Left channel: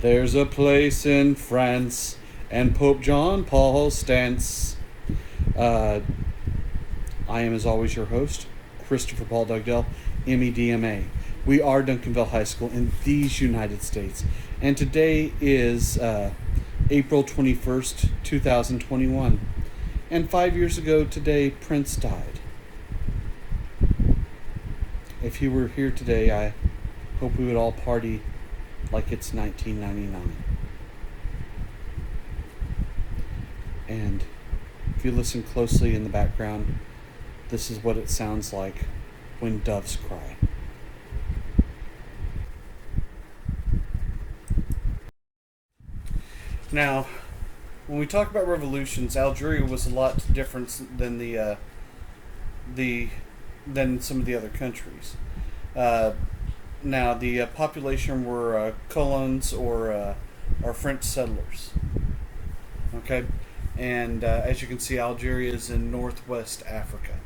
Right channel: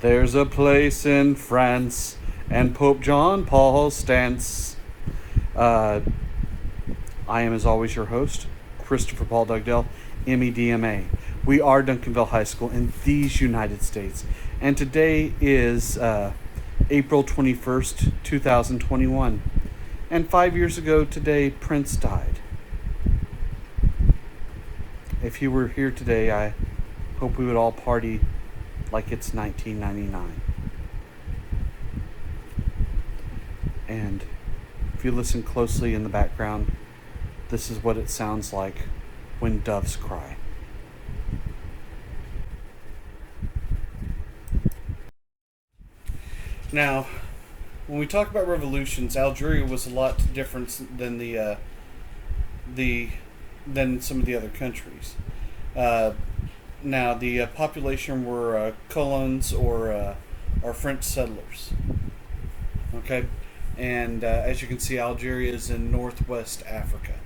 There's a place in France, and Pope John Paul stance. Uh, I am, as always, your host, Christopher Paul Dugdale, MEDMA. We are Duncanville High School in these United States, and today is April 21st, 2021. And 5 years ago today, Prince died. If he were here today, I hope we would all party like it's 1999. And if you listen closely in the background, this is what it sounds like when doves cry. Now, when we talk about revolutions, Algeria was a lot different than than some of the other countries. Now, the population were colons or French settlers. Okay, and as you can see, Algeria is in northwest Africa.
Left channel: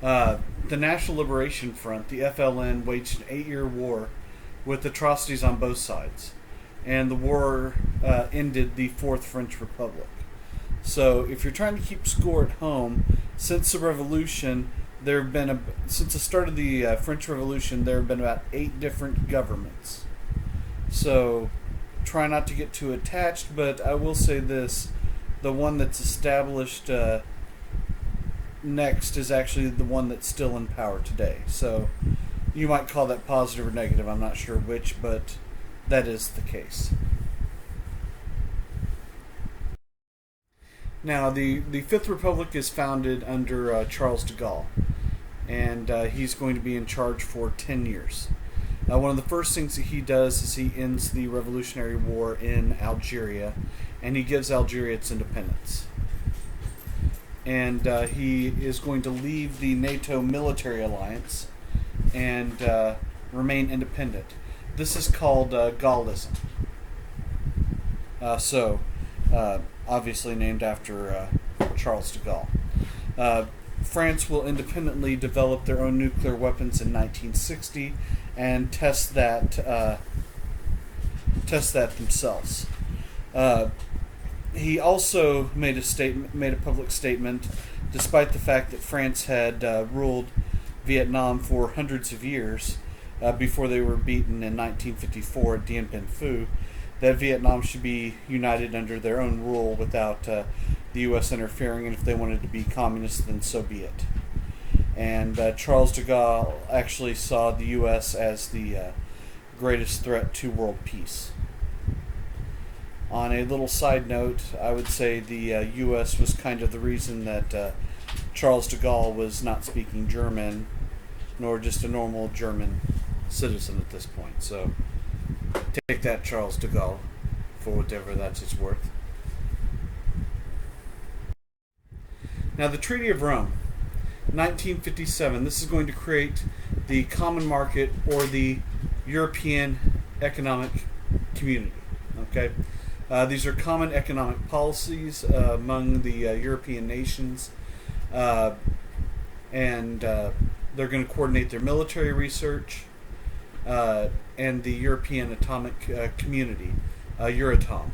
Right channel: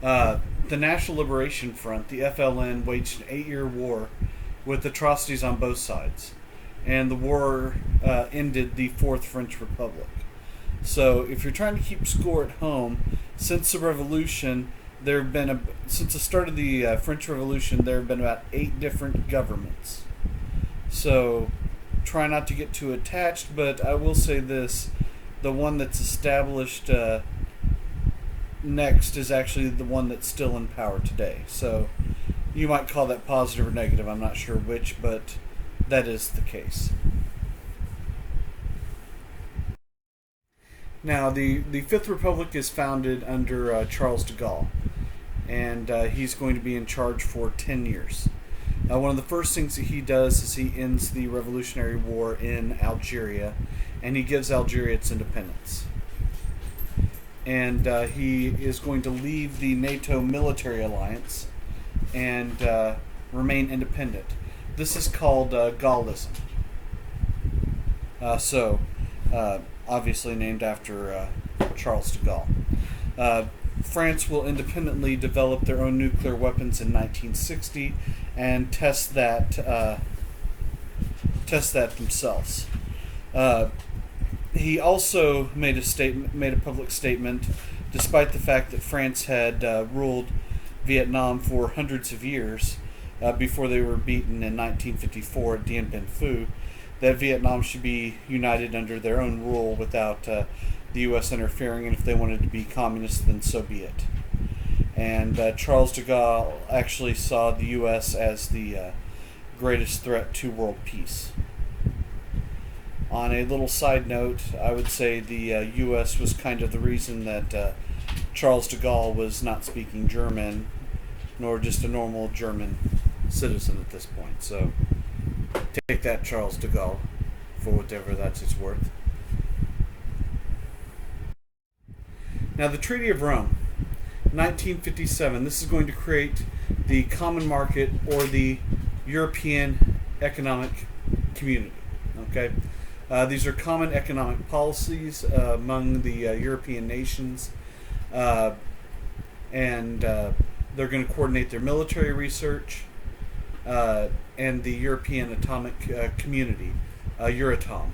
The National Liberation Front, the FLN, waged an 8-year war with atrocities on both sides, and the war ended the Fourth French Republic. So, if you're trying to keep score at home, since the revolution, there have been since the start of the French Revolution, there have been about 8 different governments. So, try not to get too attached, but I will say this: the one that's established next is actually the one that's still in power today. So, you might call that positive or negative. I'm not sure which, but that is the case. Now, the Fifth Republic is founded under Charles de Gaulle, and he's going to be in charge for 10 years. One of the first things that he does is he ends the Revolutionary War in Algeria, and he gives Algeria its independence. And he is going to leave the NATO military alliance and remain independent. This is called Gaullism. Obviously named after Charles de Gaulle. France will independently develop their own nuclear weapons in 1960 and test that themselves. He also made a public statement, despite the fact that France had ruled Vietnam for hundreds of years before they were beaten in 1954 at Dien Bien Phu, that Vietnam should be united under their own rule without the U.S. interfering, and if they wanted to be communist, then so be it. And Charles de Gaulle actually saw the U.S. as the greatest threat to world peace. On a little side note, I would say the U.S. was kind of the reason that Charles de Gaulle was not speaking German, nor just a normal German citizen at this point. So, take that, Charles de Gaulle, for whatever that's its worth. Now, the Treaty of Rome, 1957. This is going to create the Common Market, or the European Economic Community. Okay, these are common economic policies among the European nations, and they're going to coordinate their military research. And the European Atomic Community, Euratom.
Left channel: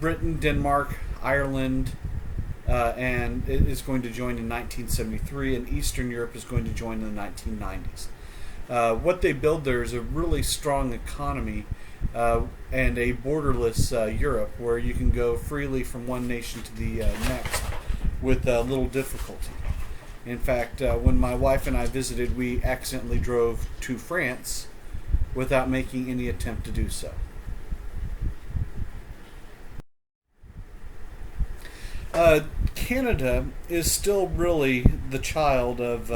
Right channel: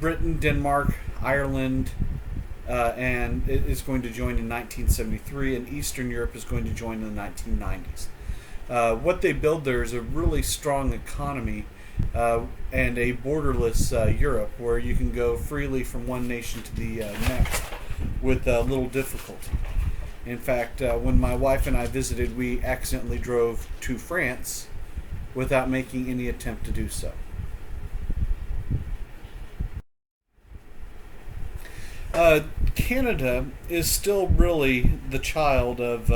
Britain, Denmark, Ireland, and it is going to join in 1973, and Eastern Europe is going to join in the 1990s. What they build there is a really strong economy and a borderless Europe, where you can go freely from one nation to the next with little difficulty. In fact, when my wife and I visited, we accidentally drove to France without making any attempt to do so. Canada is still really the child of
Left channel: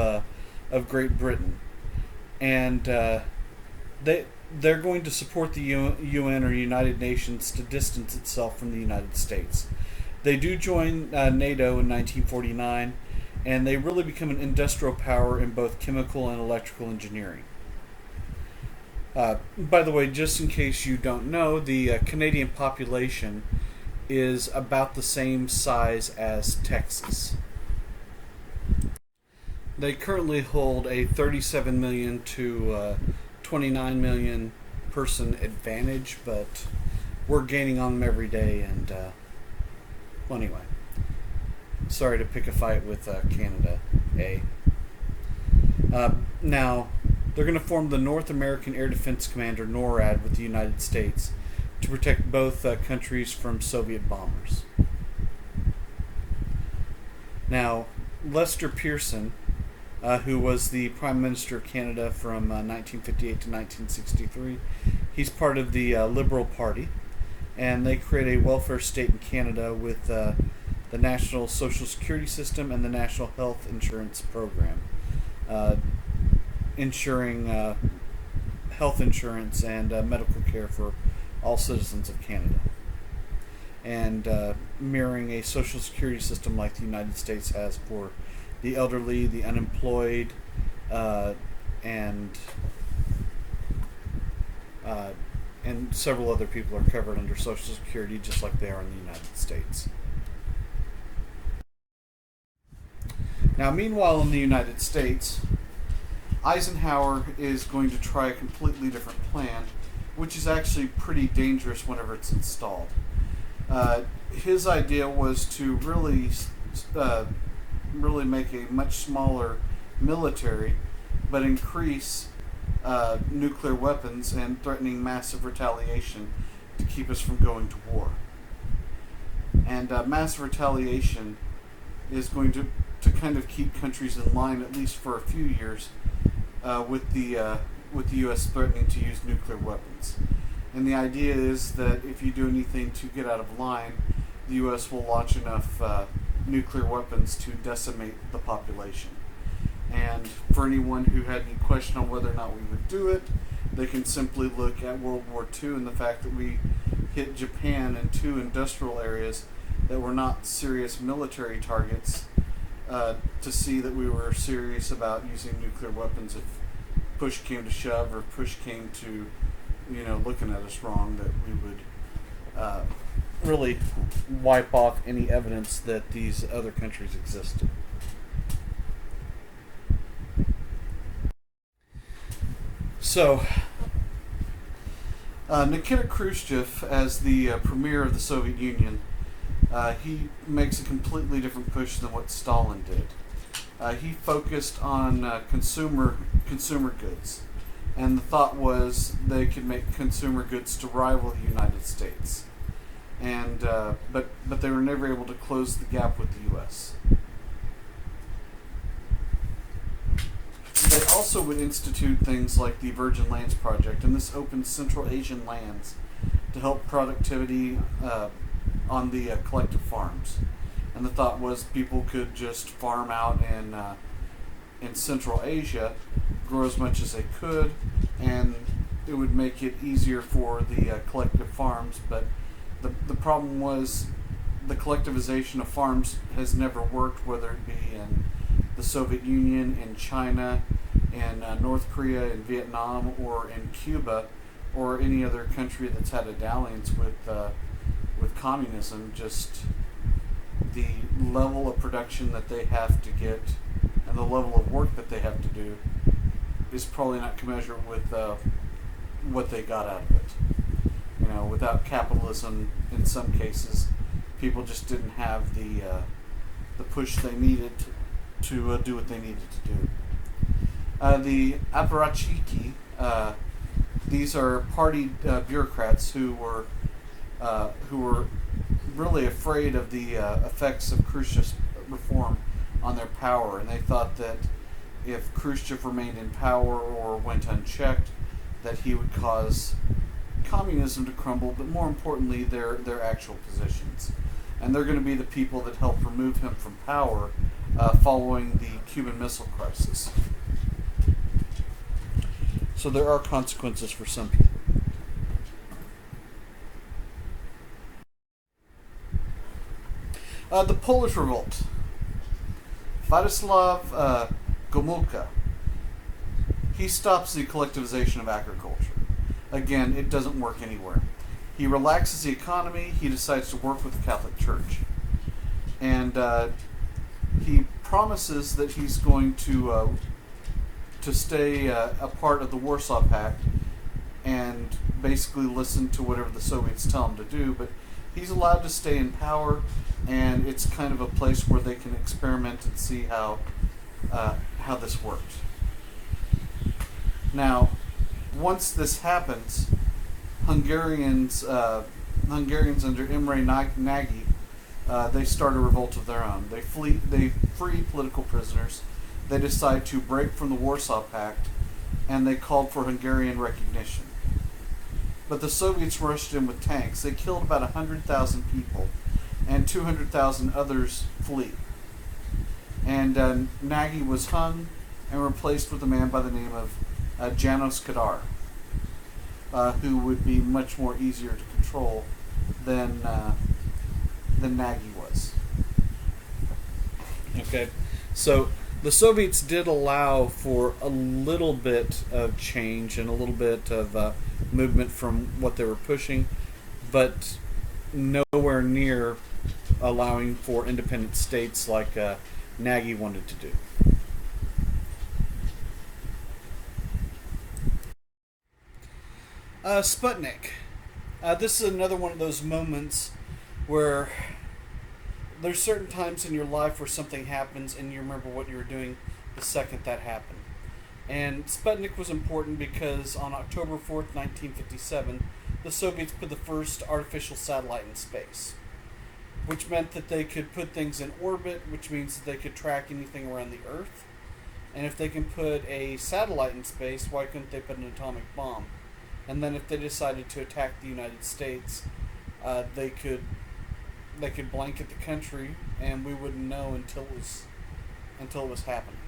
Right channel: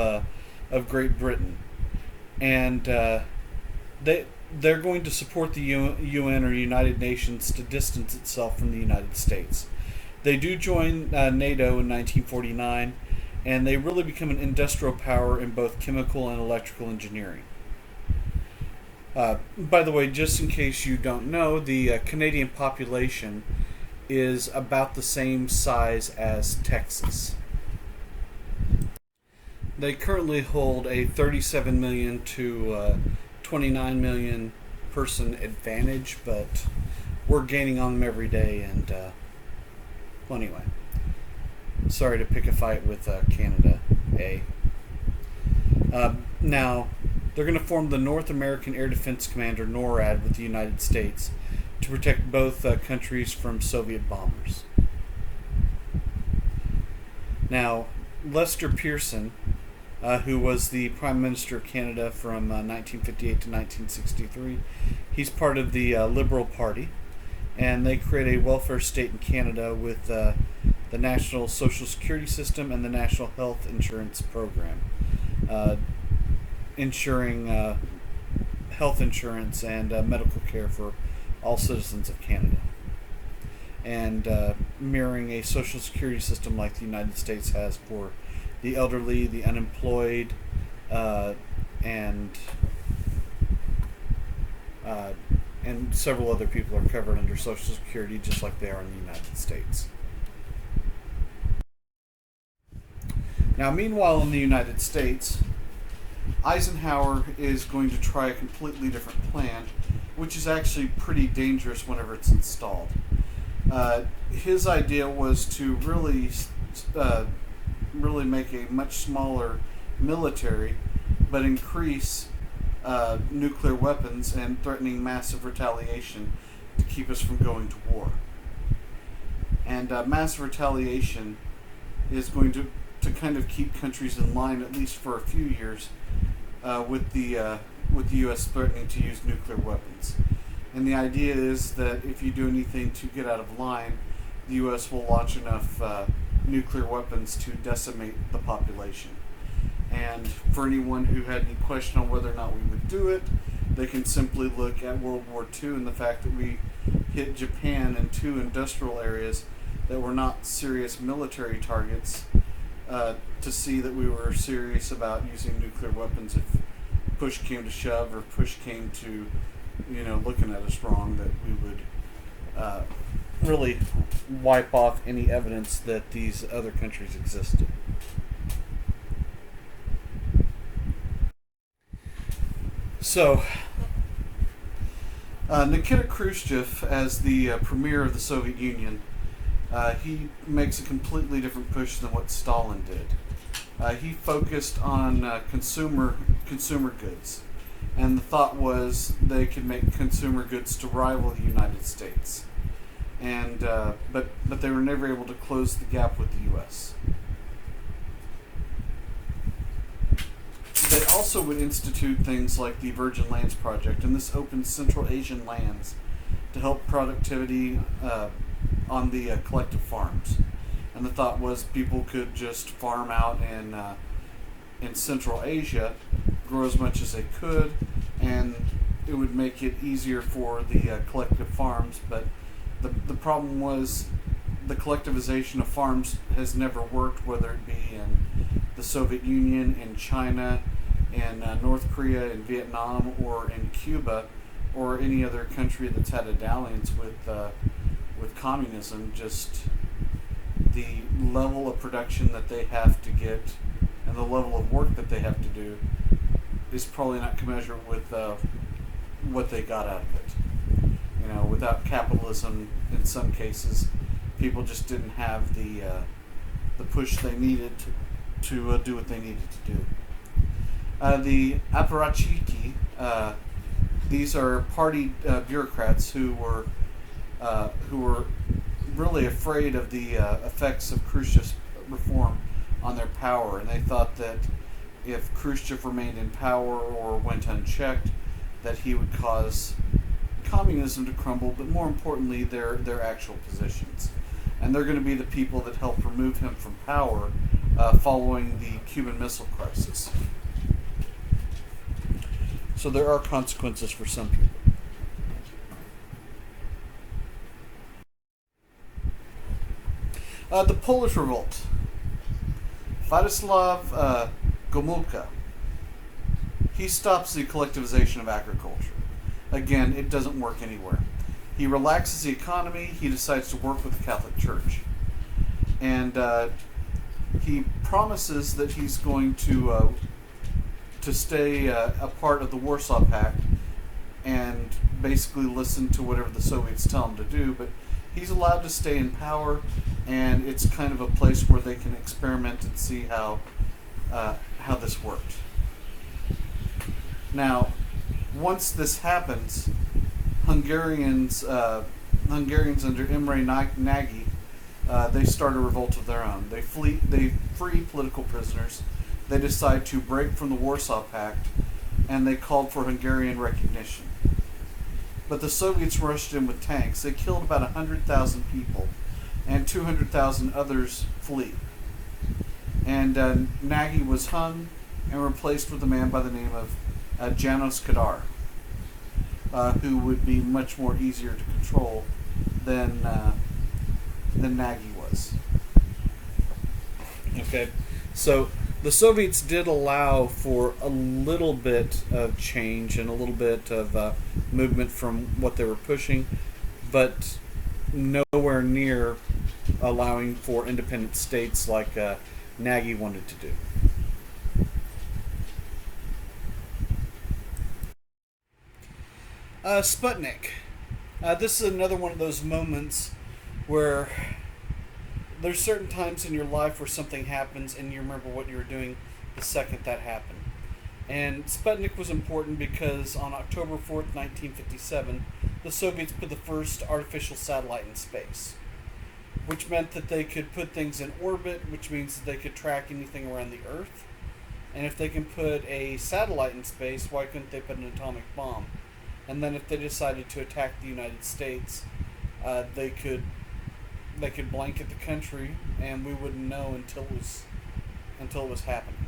Great Britain, and they're going to support the UN or United Nations to distance itself from the United States. They do join NATO in 1949. And they really become an industrial power in both chemical and electrical engineering. By the way, just in case you don't know, the Canadian population is about the same size as Texas. They currently hold a 37 million to 29 million third-person advantage, but we're gaining on them every day. And well, anyway, sorry to pick a fight with Canada. Now, they're going to form the North American Air Defense Command, or NORAD, with the United States to protect both countries from Soviet bombers. Now, Lester Pearson, who was the Prime Minister of Canada from 1958 to 1963, he's part of the Liberal Party, and they create a welfare state in Canada with the National Social Security System and the National Health Insurance Program, ensuring health insurance and medical care for all citizens of Canada, and mirroring a social security system like the United States has for the elderly, the unemployed, and several other people are covered under Social Security just like they are in the United States. Now, meanwhile, in the United States, Eisenhower is going to try a completely different plan, which is actually pretty dangerous whenever it's installed. His idea was to really make a much smaller military, but increase nuclear weapons and threatening massive retaliation to keep us from going to war. And massive retaliation is going to kind of keep countries in line, at least for a few years, with the U.S. threatening to use nuclear weapons. And the idea is that if you do anything to get out of line, the U.S. will launch enough nuclear weapons to decimate the population. And for anyone who had any question on whether or not we would do it, they can simply look at World War II and the fact that we hit Japan in 2 industrial areas that were not serious military targets, to see that we were serious about using nuclear weapons if push came to shove, or push came to, looking at us wrong, that we would really wipe off any evidence that these other countries existed. So, Nikita Khrushchev, as the premier of the Soviet Union, he makes a completely different push than what Stalin did. He focused on consumer goods, and the thought was they could make consumer goods to rival the United States, and but they were never able to close the gap with the U.S. They also would institute things like the Virgin Lands Project, and this opened Central Asian lands to help productivity on the collective farms. And the thought was people could just farm out in Central Asia, grow as much as they could, and it would make it easier for the collective farms. But the problem was the collectivization of farms has never worked, whether it be in the Soviet Union, in China, in North Korea, in Vietnam, or in Cuba, or any other country that's had a dalliance with communism. Just the level of production that they have to get and the level of work that they have to do is probably not commensurate with what they got out of it. Without capitalism, in some cases, people just didn't have the push they needed to do what they needed to do. The apparatchiki, these are party bureaucrats who were really afraid of the effects of Khrushchev's reform on their power, and they thought that if Khrushchev remained in power or went unchecked, that he would cause communism to crumble, but more importantly, their actual positions. And they're going to be the people that helped remove him from power following the Cuban Missile Crisis. So there are consequences for some people. The Polish Revolt. Władysław Gomulka. He stops the collectivization of agriculture. Again, it doesn't work anywhere. He relaxes the economy. He decides to work with the Catholic Church. And he promises that he's going to stay a part of the Warsaw Pact and basically listen to whatever the Soviets tell him to do. But he's allowed to stay in power, and it's kind of a place where they can experiment and see how this worked. Now, once this happens, Hungarians under Imre Nagy, they start a revolt of their own. They free political prisoners. They decide to break from the Warsaw Pact, and they called for Hungarian recognition. But the Soviets rushed in with tanks. They killed about 100,000 people, and 200,000 others flee. And Nagy was hung and replaced with a man by the name of Janos Kadar, who would be much more easier to control than Nagy was. Okay, so the Soviets did allow for a little bit of change and a little bit of movement from what they were pushing, but nowhere near allowing for independent states like Nagy wanted to do. Sputnik. This is another one of those moments where there's certain times in your life where something happens and you remember what you were doing the second that happened. And Sputnik was important because on October 4th, 1957, the Soviets put the first artificial satellite in space, which meant that they could put things in orbit, which means that they could track anything around the Earth. And if they can put a satellite in space, why couldn't they put an atomic bomb? And then if they decided to attack the United States, they could blanket the country, and we wouldn't know until it was happening.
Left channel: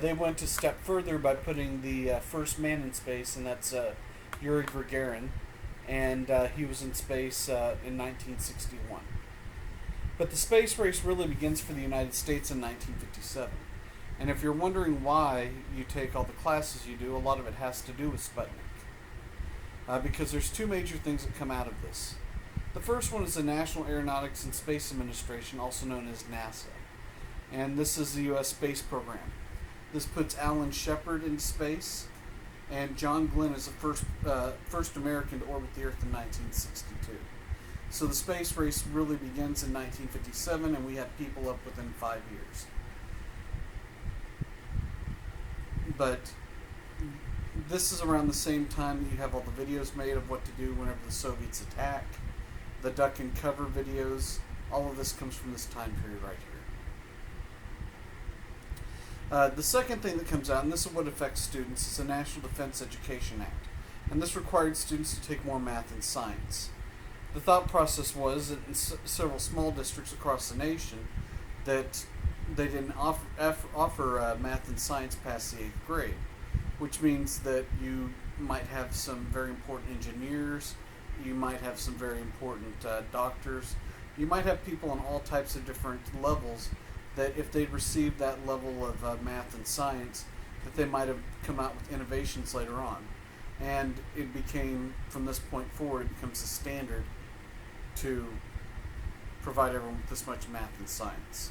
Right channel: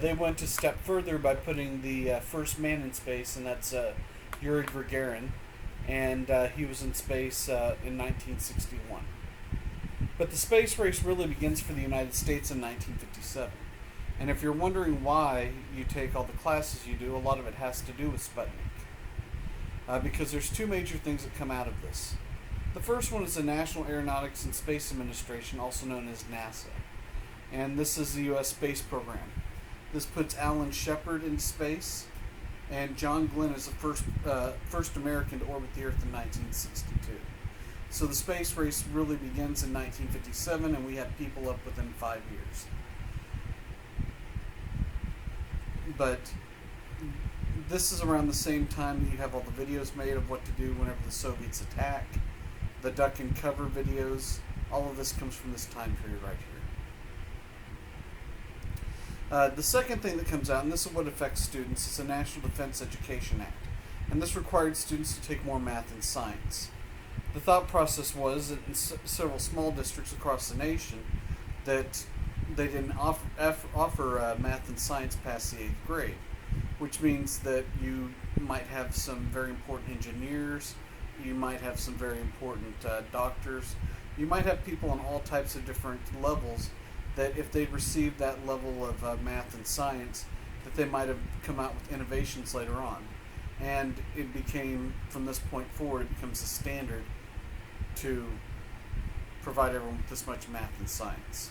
They went a step further by putting the first man in space, and that's Yuri Gagarin, and he was in space in 1961. But the space race really begins for the United States in 1957. And if you're wondering why you take all the classes you do, a lot of it has to do with Sputnik. Because there's two major things that come out of this. The first one is the National Aeronautics and Space Administration, also known as NASA. And this is the U.S. space program. This puts Alan Shepard into space, and John Glenn is the first American to orbit the Earth in 1962. So the space race really begins in 1957, and we had people up within 5 years. But this is around the same time that you have all the videos made of what to do whenever the Soviets attack. The duck and cover videos, all of this comes from this time period right here. The second thing that comes out, and this is what affects students, is the National Defense Education Act. And this required students to take more math and science. The thought process was that in several small districts across the nation that they didn't offer math and science past the 8th grade, which means that you might have some very important engineers, you might have some very important doctors, you might have people on all types of different levels that if they'd received that level of math and science, that they might have come out with innovations later on. And it became, from this point forward, it becomes a standard to provide everyone with this much math and science.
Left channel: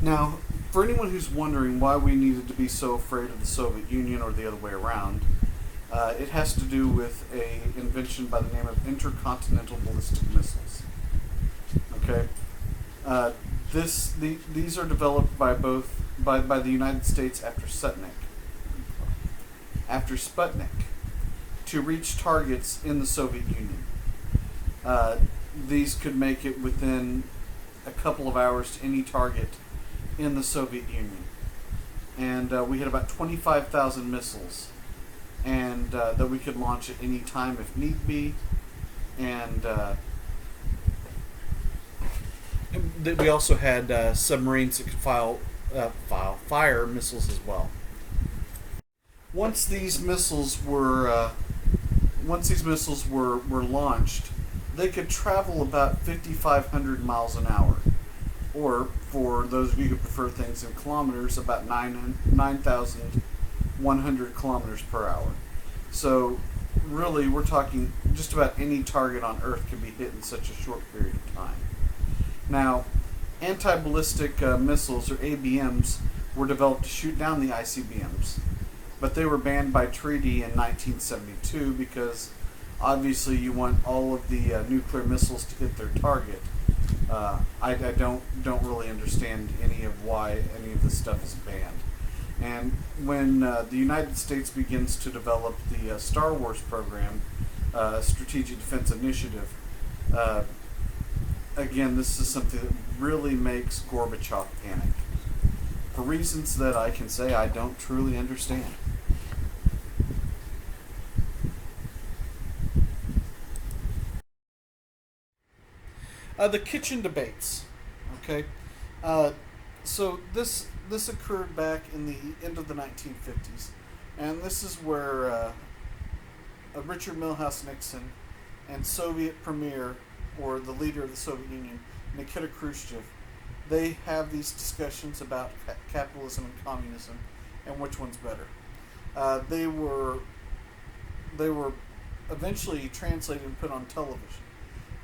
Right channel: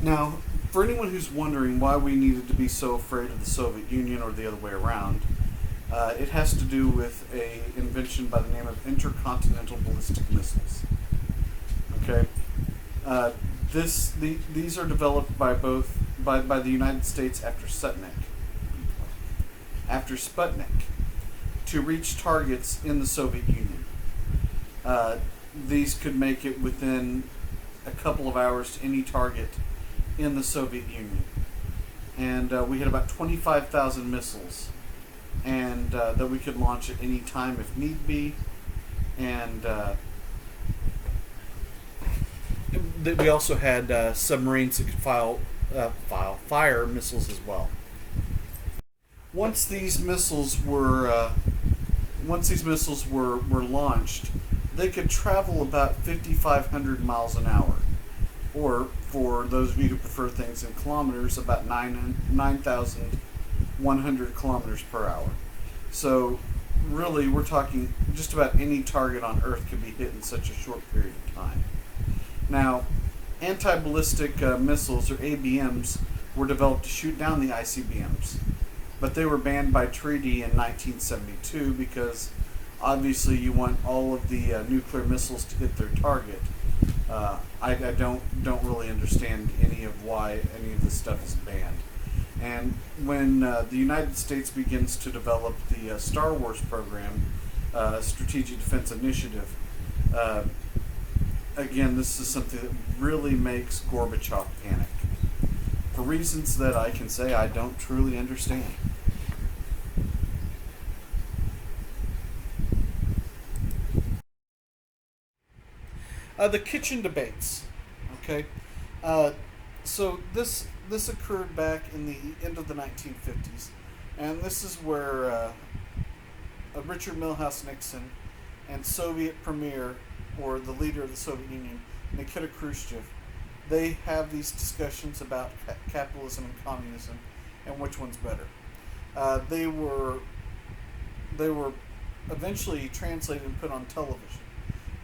Now, for anyone who's wondering why we needed to be so afraid of the Soviet Union or the other way around, it has to do with an invention by the name of intercontinental ballistic missiles. Okay, these are developed by the United States after Sputnik, to reach targets in the Soviet Union. These could make it within a couple of hours to any target in the Soviet Union. And we had about 25,000 missiles, and that we could launch at any time if need be. And we also had submarines that could fire missiles as well. Once these missiles were launched, they could travel about 5,500 miles an hour, or for those of you who prefer things in kilometers, about 9,100 kilometers per hour. So really, we're talking just about any target on Earth could be hit in such a short period of time. Now, anti-ballistic missiles, or ABMs, were developed to shoot down the ICBMs, but they were banned by treaty in 1972 because obviously you want all of the nuclear missiles to hit their target. I don't really understand any of why any of this stuff is banned. And when the United States begins to develop the Star Wars program, Strategic Defense Initiative, uh, again, this is something that really makes Gorbachev panic for reasons that I can say I don't truly understand. The kitchen debates. Okay, uh, so this occurred back in the end of the 1950s, and this is where Richard Milhous Nixon and Soviet Premier, or the leader of the Soviet Union, Nikita Khrushchev, they have these discussions about capitalism and communism and which one's better. They were eventually translated and put on television.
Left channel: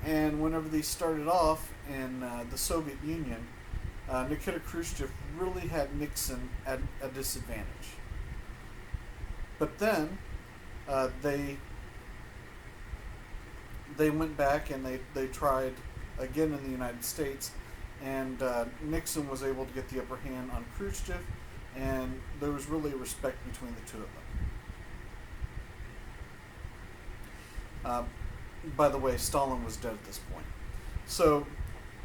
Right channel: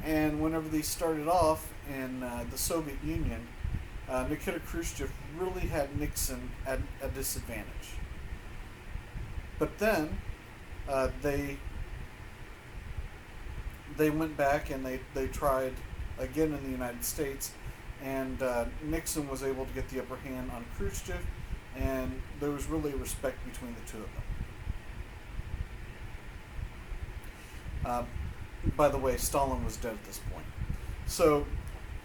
And whenever these started off in the Soviet Union, Nikita Khrushchev really had Nixon at a disadvantage. But then uh, they they went back and they tried again in the United States, and Nixon was able to get the upper hand on Khrushchev, and there was really respect between the two of them. Uh, by the way, Stalin was dead at this point. So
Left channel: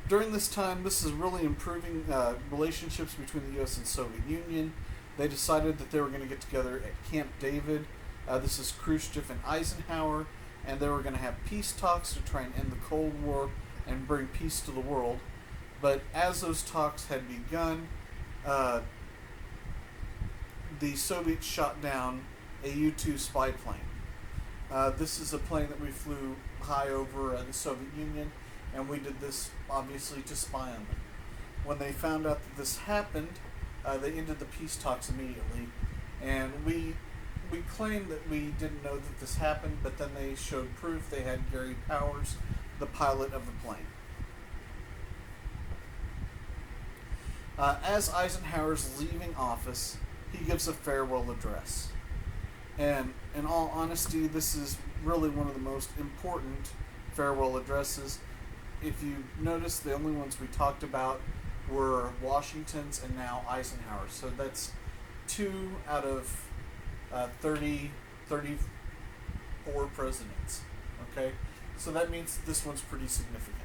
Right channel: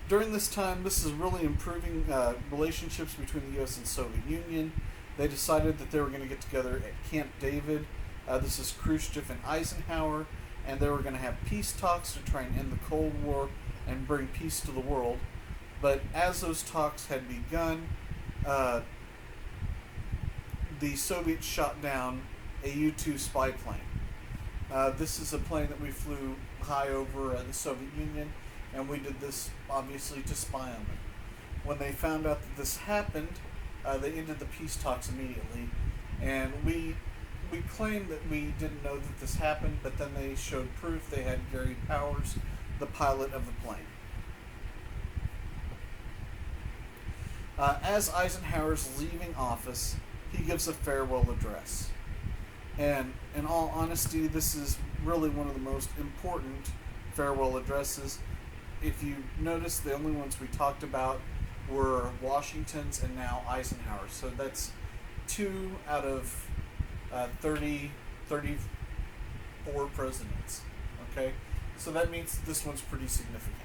during this time, this is really improving relationships between the U.S. and Soviet Union. They decided that they were going to get together at Camp David. This is Khrushchev and Eisenhower, and they were going to have peace talks to try and end the Cold War and bring peace to the world. But as those talks had begun, uh, the Soviets shot down a U-2 spy plane. This is a plane that we flew high over the Soviet Union, and we did this obviously to spy on them. When they found out that this happened, they ended the peace talks immediately, and we claimed that we didn't know that this happened, but then they showed proof. They had Gary Powers, the pilot of the plane. As Eisenhower's leaving office, he gives a farewell address. And in all honesty, this is really one of the most important farewell addresses. If you notice, the only ones we talked about were Washington's and now Eisenhower's. So that's 2 out of 34 presidents. Okay? So that means this one's pretty significant.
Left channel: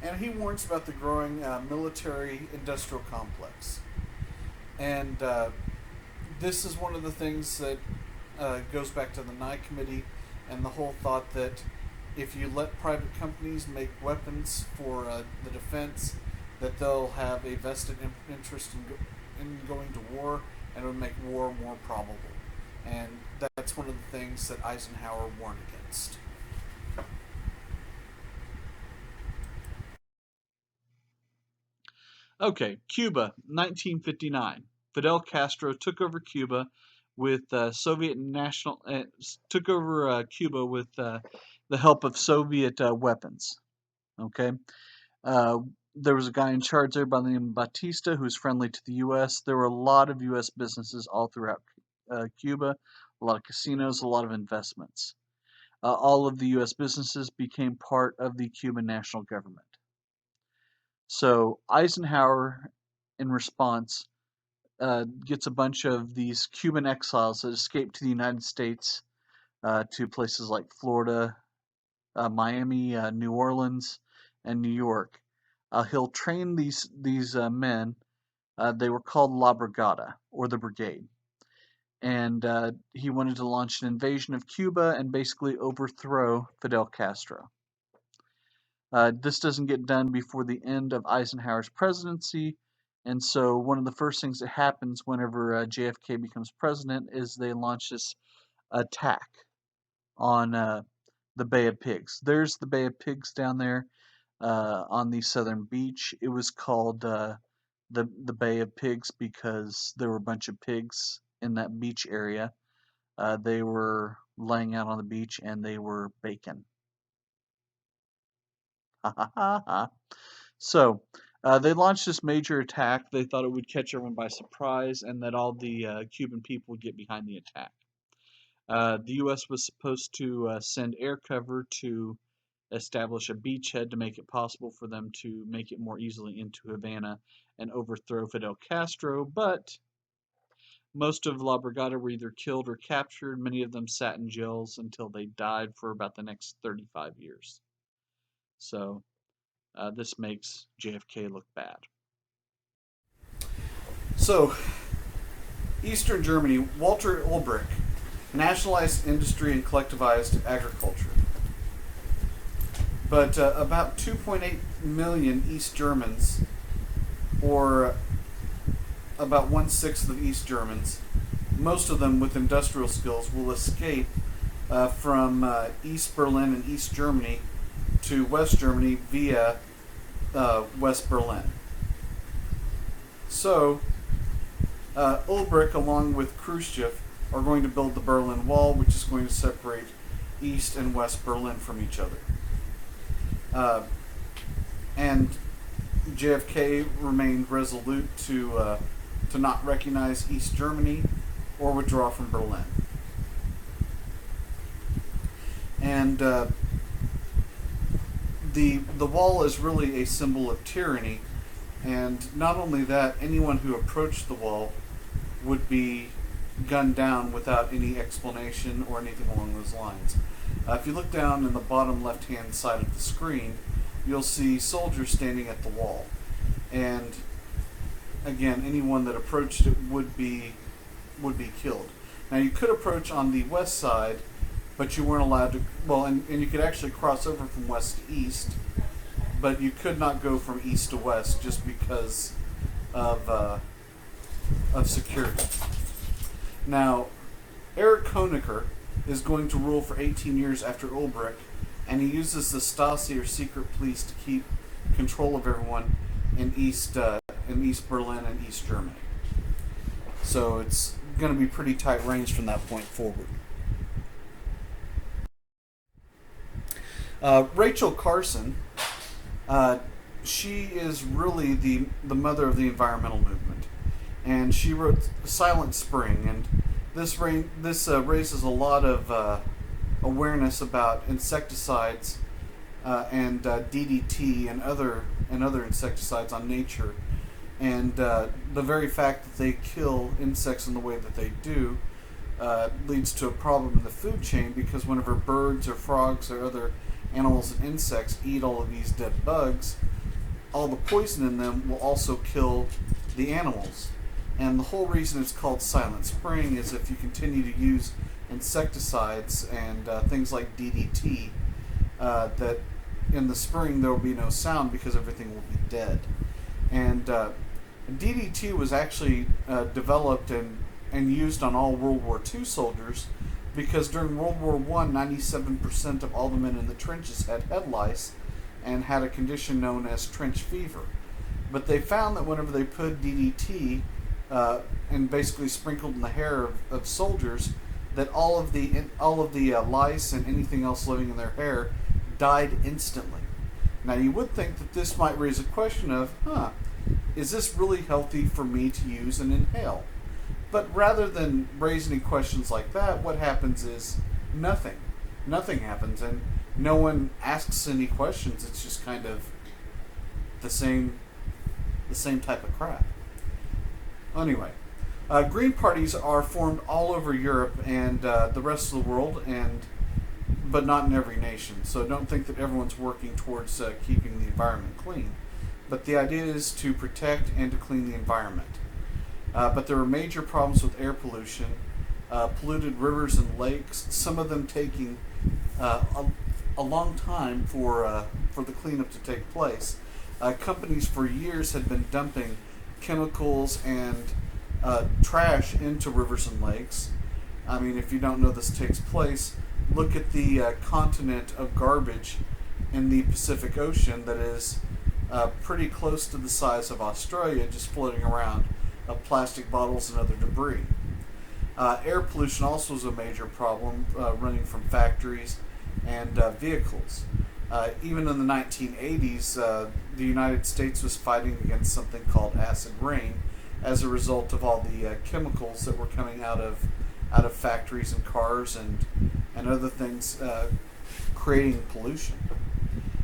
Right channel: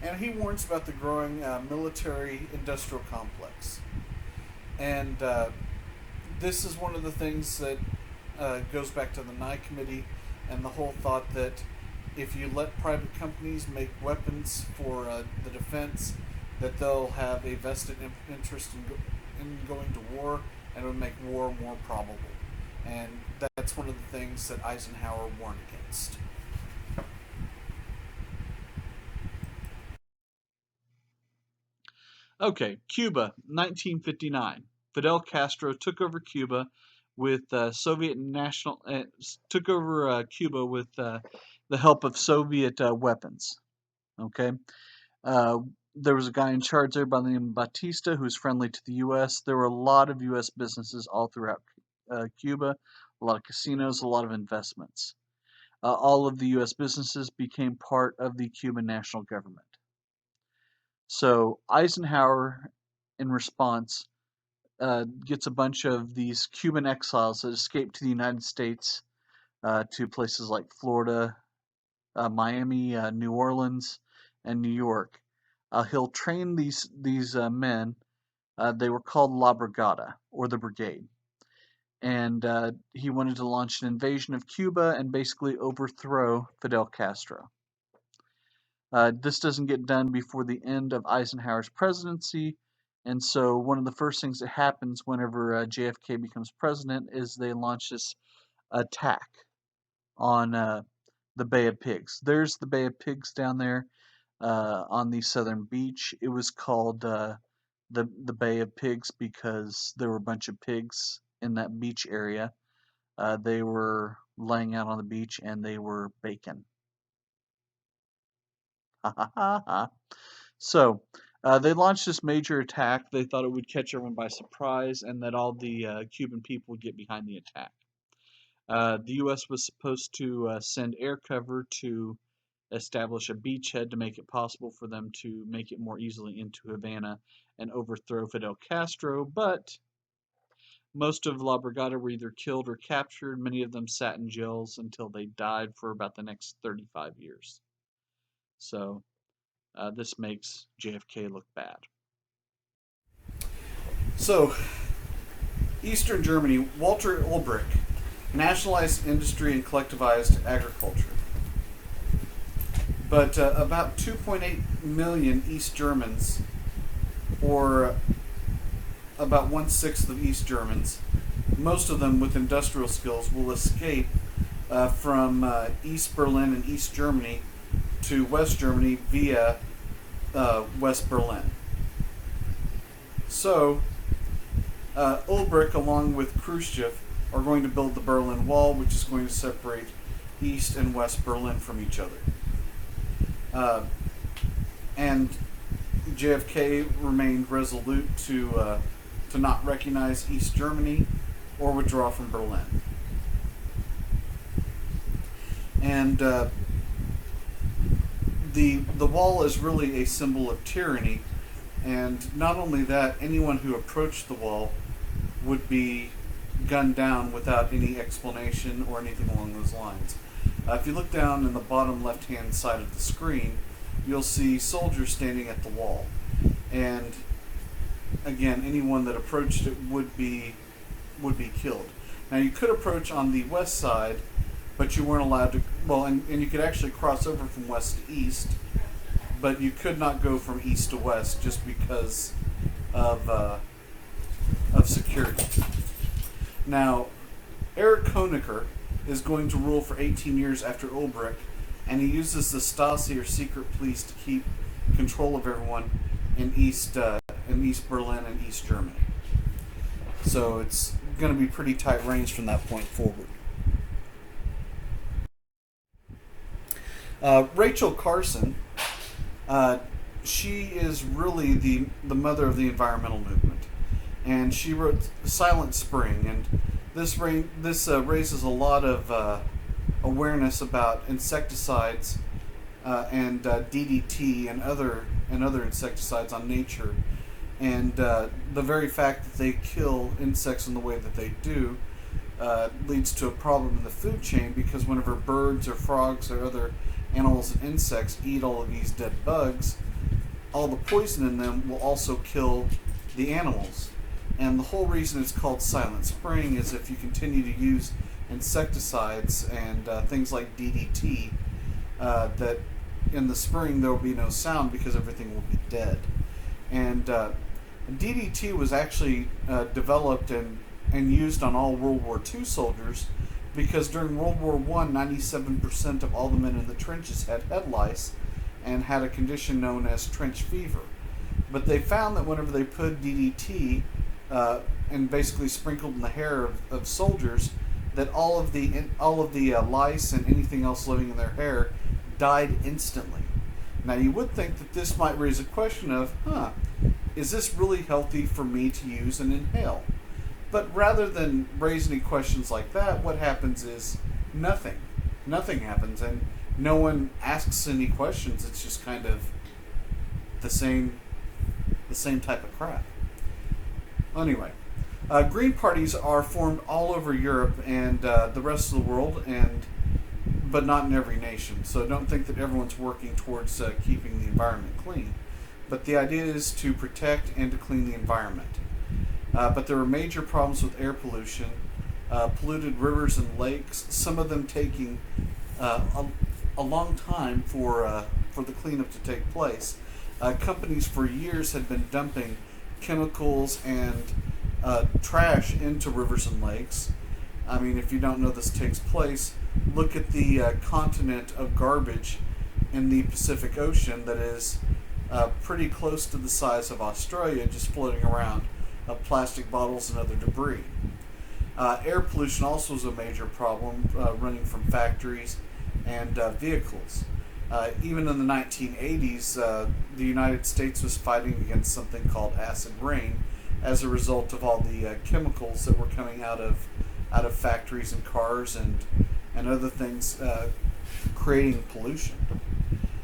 And he warns about the growing military industrial complex. And this is one of the things that goes back to the Nye Committee and the whole thought that if you let private companies make weapons for the defense, that they'll have a vested interest in going to war, and it would make war more probable. And that's one of the things that Eisenhower warned against. Okay, Cuba, 1959. Fidel Castro took over Cuba with Soviet national took over Cuba with the help of Soviet weapons. Okay, uh, there was a guy in charge there by the name of Batista who's friendly to the U.S. There were a lot of U.S. businesses all throughout Cuba, a lot of casinos, a lot of investments. All of the U.S. businesses became part of the Cuban national government. So Eisenhower, in response, gets a bunch of these Cuban exiles that escaped to the United States, to places like Florida, Miami, New Orleans, and New York. He'll train these men. They were called La Brigada, or the Brigade, and he wanted to launch an invasion of Cuba and basically overthrow Fidel Castro. This doesn't get done before the end of Eisenhower's presidency, and so one of the first things that happens whenever JFK becomes president is they launch this attack on the Bay of Pigs. There's the Bay of Pigs down there on the southern beach. It was called the Bay of Pigs because there were a bunch of pigs in that beach area. They were laying out on the beach and they were bacon. Ha ha ha ha. So, They launched this major attack. They thought it would catch everyone by surprise and that all the Cuban people would get behind the attack. The U.S. was supposed to send air cover to establish a beachhead to make it possible for them to make it more easily into Havana and overthrow Fidel Castro, but most of La Brigada were either killed or captured. Many of them sat in jails until they died for about the next 35 years. So this makes JFK look bad. So, Eastern Germany, Walter Ulbricht nationalized industry and collectivized agriculture. But about 2.8 million East Germans, or about 1/6 of East Germans, most of them with industrial skills, will escape from East Berlin and East Germany to West Germany via West Berlin. So, Ulbricht, along with Khrushchev, are going to build the Berlin Wall, which is going to separate East and West Berlin from each other. And JFK remained resolute to not recognize East Germany or withdraw from Berlin. And the wall is really a symbol of tyranny, and not only that, anyone who approached the wall would be gunned down without any explanation or anything along those lines. If you look down in the bottom left-hand side of the screen, you'll see soldiers standing at the wall, and again, anyone that approached it would be killed. Now, you could approach on the west side, but you weren't allowed to. Well, and you could actually cross over from west to east, but you could not go from east to west just because of security. Now, Erich Honecker is going to rule for 18 years after Ulbricht, and he uses the Stasi, or secret police, to keep control of everyone in East Berlin and East Germany. So it's going to be pretty tight reins from that point forward. Rachel Carson, she is really the mother of the environmental movement, and she wrote Silent Spring, and this raises a lot of awareness about insecticides and DDT and other insecticides on nature, and the very fact that they kill insects in the way that they do leads to a problem in the food chain, because whenever birds or frogs or other animals and insects eat all of these dead bugs, all the poison in them will also kill the animals. And the whole reason it's called Silent Spring is if you continue to use insecticides and things like DDT, that in the spring there will be no sound because everything will be dead. And DDT was actually developed and used on all World War II soldiers, because during World War I, 97% of all the men in the trenches had head lice and had a condition known as trench fever. But they found that whenever they put DDT and basically sprinkled in the hair of soldiers, that all of the lice and anything else living in their hair died instantly. Now, you would think that this might raise a question of, is this really healthy for me to use and inhale? But rather than raise any questions like that, what happens is nothing. Nothing happens, and no one asks any questions. It's just kind of the same type of crap. Anyway, green parties are formed all over Europe and the rest of the world, but not in every nation. So don't think that everyone's working towards keeping the environment clean. But the idea is to protect and to clean the environment. But there were major problems with air pollution, polluted rivers and lakes, some of them taking a long time for the cleanup to take place. Companies for years had been dumping chemicals and trash into rivers and lakes. I mean, if you don't know this takes place, look at the continent of garbage in the Pacific Ocean that is pretty close to the size of Australia, just floating around, of plastic bottles and other debris. Air pollution also is a major problem, running from factories and vehicles. Even in the 1980s, the United States was fighting against something called acid rain as a result of all the chemicals that were coming out of factories and cars and other things, creating pollution.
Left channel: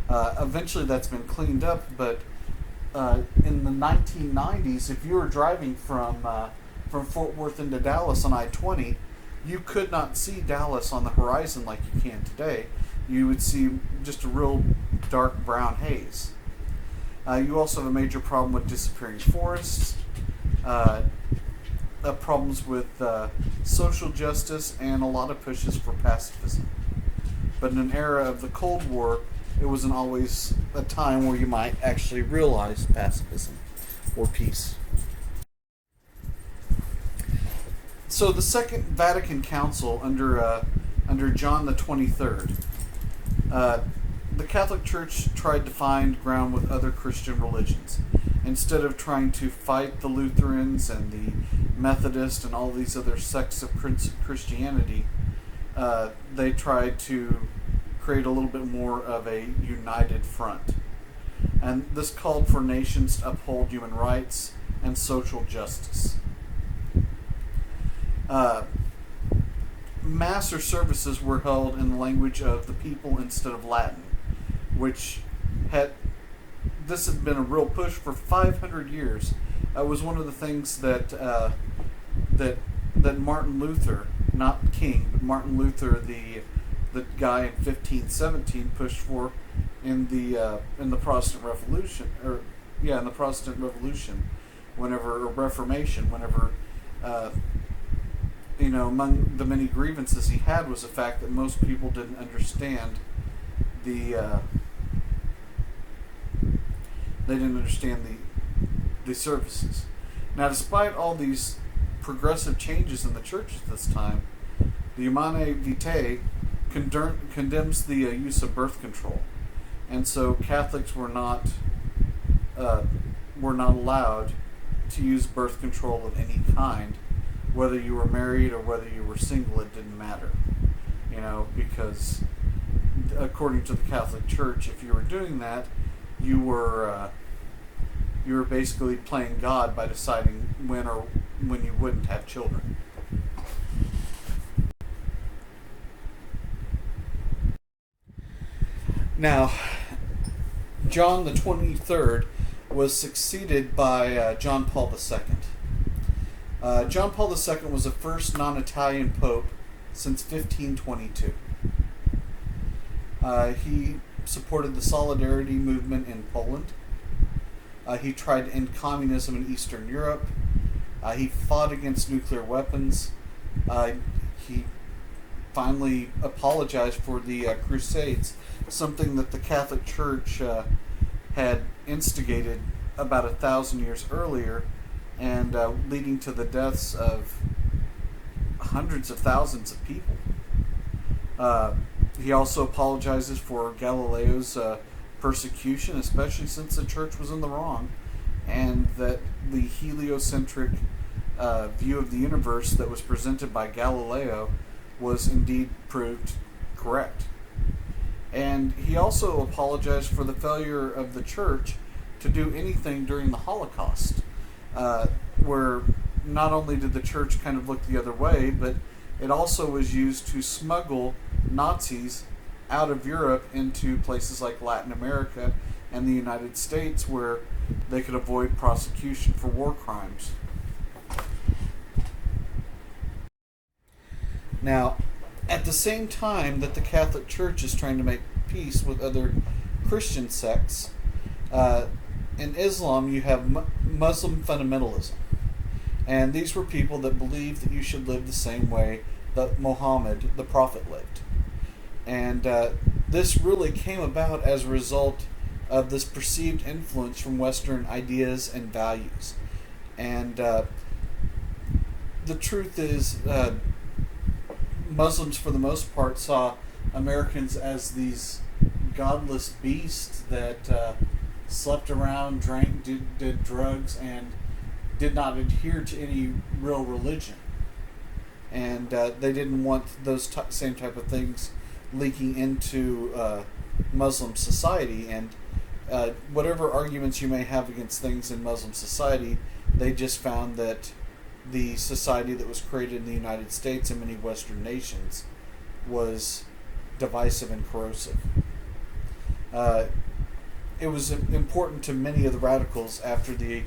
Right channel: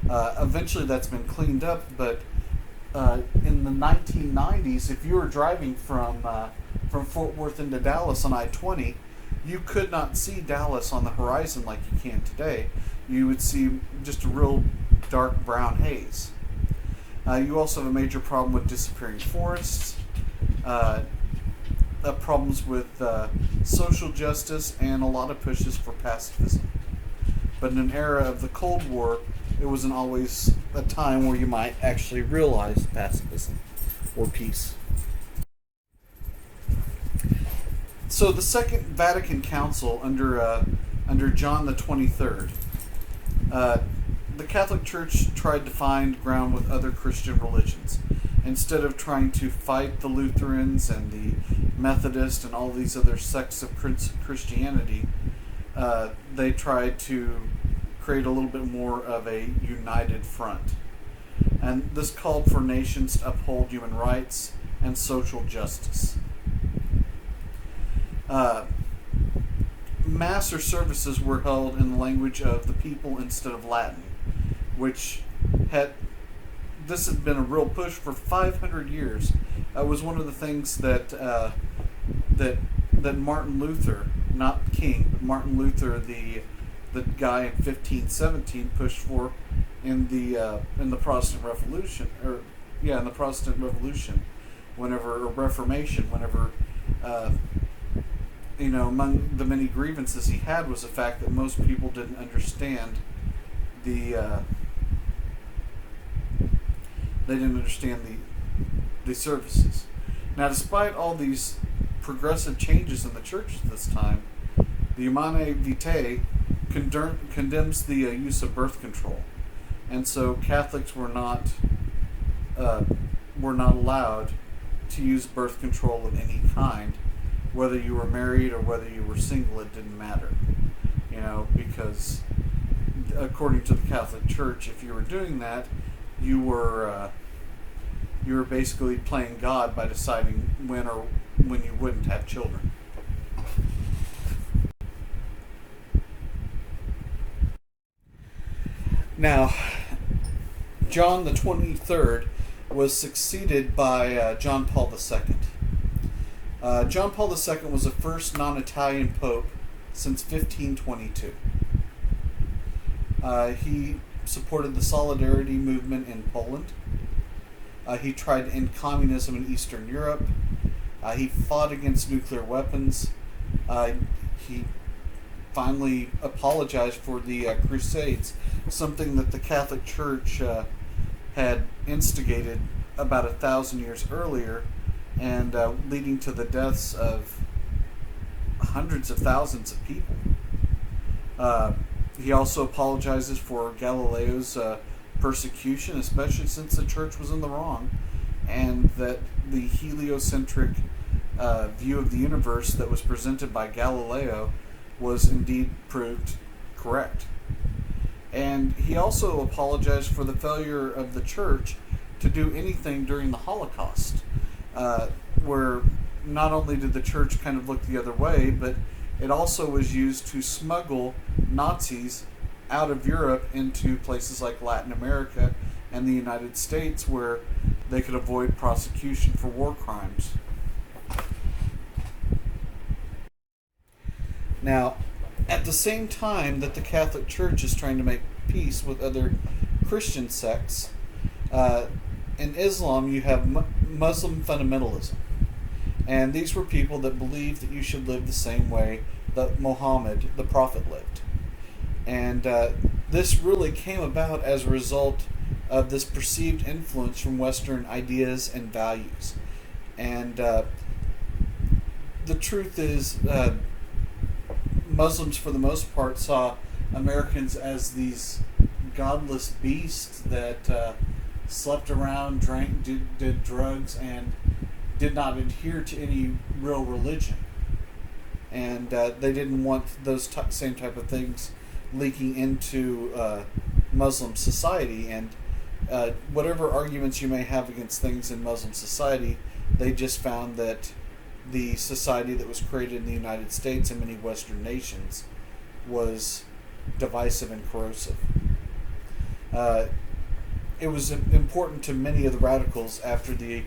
Eventually, that's been cleaned up, but in the 1990s, if you were driving from Fort Worth into Dallas on I-20, you could not see Dallas on the horizon like you can today. You would see just a real dark brown haze. You also have a major problem with disappearing forests, problems with social justice, and a lot of pushes for pacifism. But in an era of the Cold War, it wasn't always a time where you might actually realize pacifism or peace. So the Second Vatican Council under John the 23rd, the Catholic Church tried to find ground with other Christian religions. Instead of trying to fight the Lutherans and the Methodists and all these other sects of Christianity, they tried to create a little bit more of a united front. And this called for nations to uphold human rights and social justice. Mass or services were held in the language of the people instead of Latin, which had been a real push for 500 years. It was one of the things that Martin Luther, not King, but Martin Luther, the guy in 1517, pushed for in the Protestant Revolution, in the Protestant Revolution, or Reformation, whenever. Among the many grievances he had was the fact that most people didn't understand the services. Now, despite all these progressive changes in the church at this time, the Humanae Vitae condemns the use of birth control, and so Catholics were not allowed to use birth control of any kind. Whether you were married or whether you were single, it didn't matter. Because according to the Catholic Church, if you were doing that, you were basically playing God by deciding when you wouldn't have children. Now, John the 23rd was succeeded by John Paul II. John Paul II was the first non-Italian pope since 1522. He supported the Solidarity movement in Poland. He tried to end communism in Eastern Europe. He fought against nuclear weapons. He finally apologized for the Crusades, something that the Catholic Church had instigated about 1,000 years earlier, and leading to the deaths of hundreds of thousands of people. He also apologizes for Galileo's persecution, especially since the church was in the wrong, and that the heliocentric view of the universe that was presented by Galileo was indeed proved correct. And he also apologized for the failure of the church to do anything during the Holocaust, where not only did the church kind of look the other way, but it also was used to smuggle Nazis out of Europe into places like Latin America and the United States, where they could avoid prosecution for war crimes. Now, at the same time that the Catholic Church is trying to make peace with other Christian sects, in Islam you have Muslim fundamentalism. And these were people that believed that you should live the same way that Muhammad, the Prophet, lived. And this really came about as a result of this perceived influence from Western ideas and values. And the truth is, Muslims, for the most part, saw Americans as these godless beasts that slept around, drank, did drugs, and did not adhere to any real religion. And they didn't want those same type of things leaking into Muslim society. And whatever arguments you may have against things in Muslim society, they just found that the society that was created in the United States and many Western nations was divisive and corrosive. It was important to many of the radicals after the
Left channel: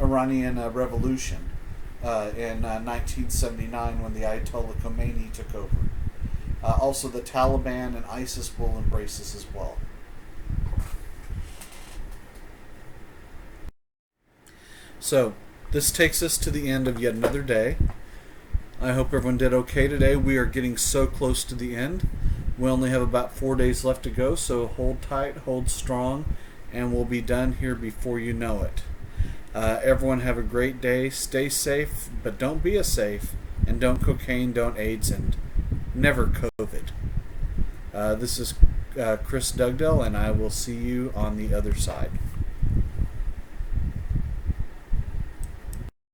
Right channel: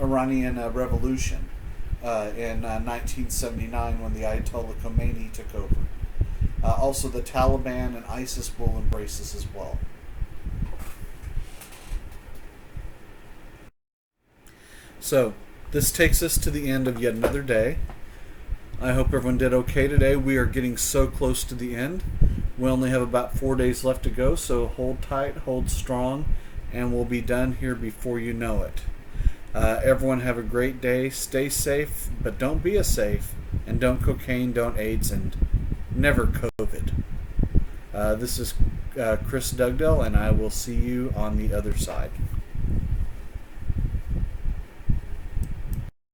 Iranian Revolution in 1979 when the Ayatollah Khomeini took over. Also, the Taliban and ISIS will embrace this as well. So, this takes us to the end of yet another day. I hope everyone did okay today. We are getting so close to the end. We only have about 4 days left to go, so hold tight, hold strong, and we'll be done here before you know it. Everyone have a great day. Stay safe, but don't be a safe. And don't cocaine, don't AIDS, and never COVID. This is Chris Dugdale, and I will see you on the other side.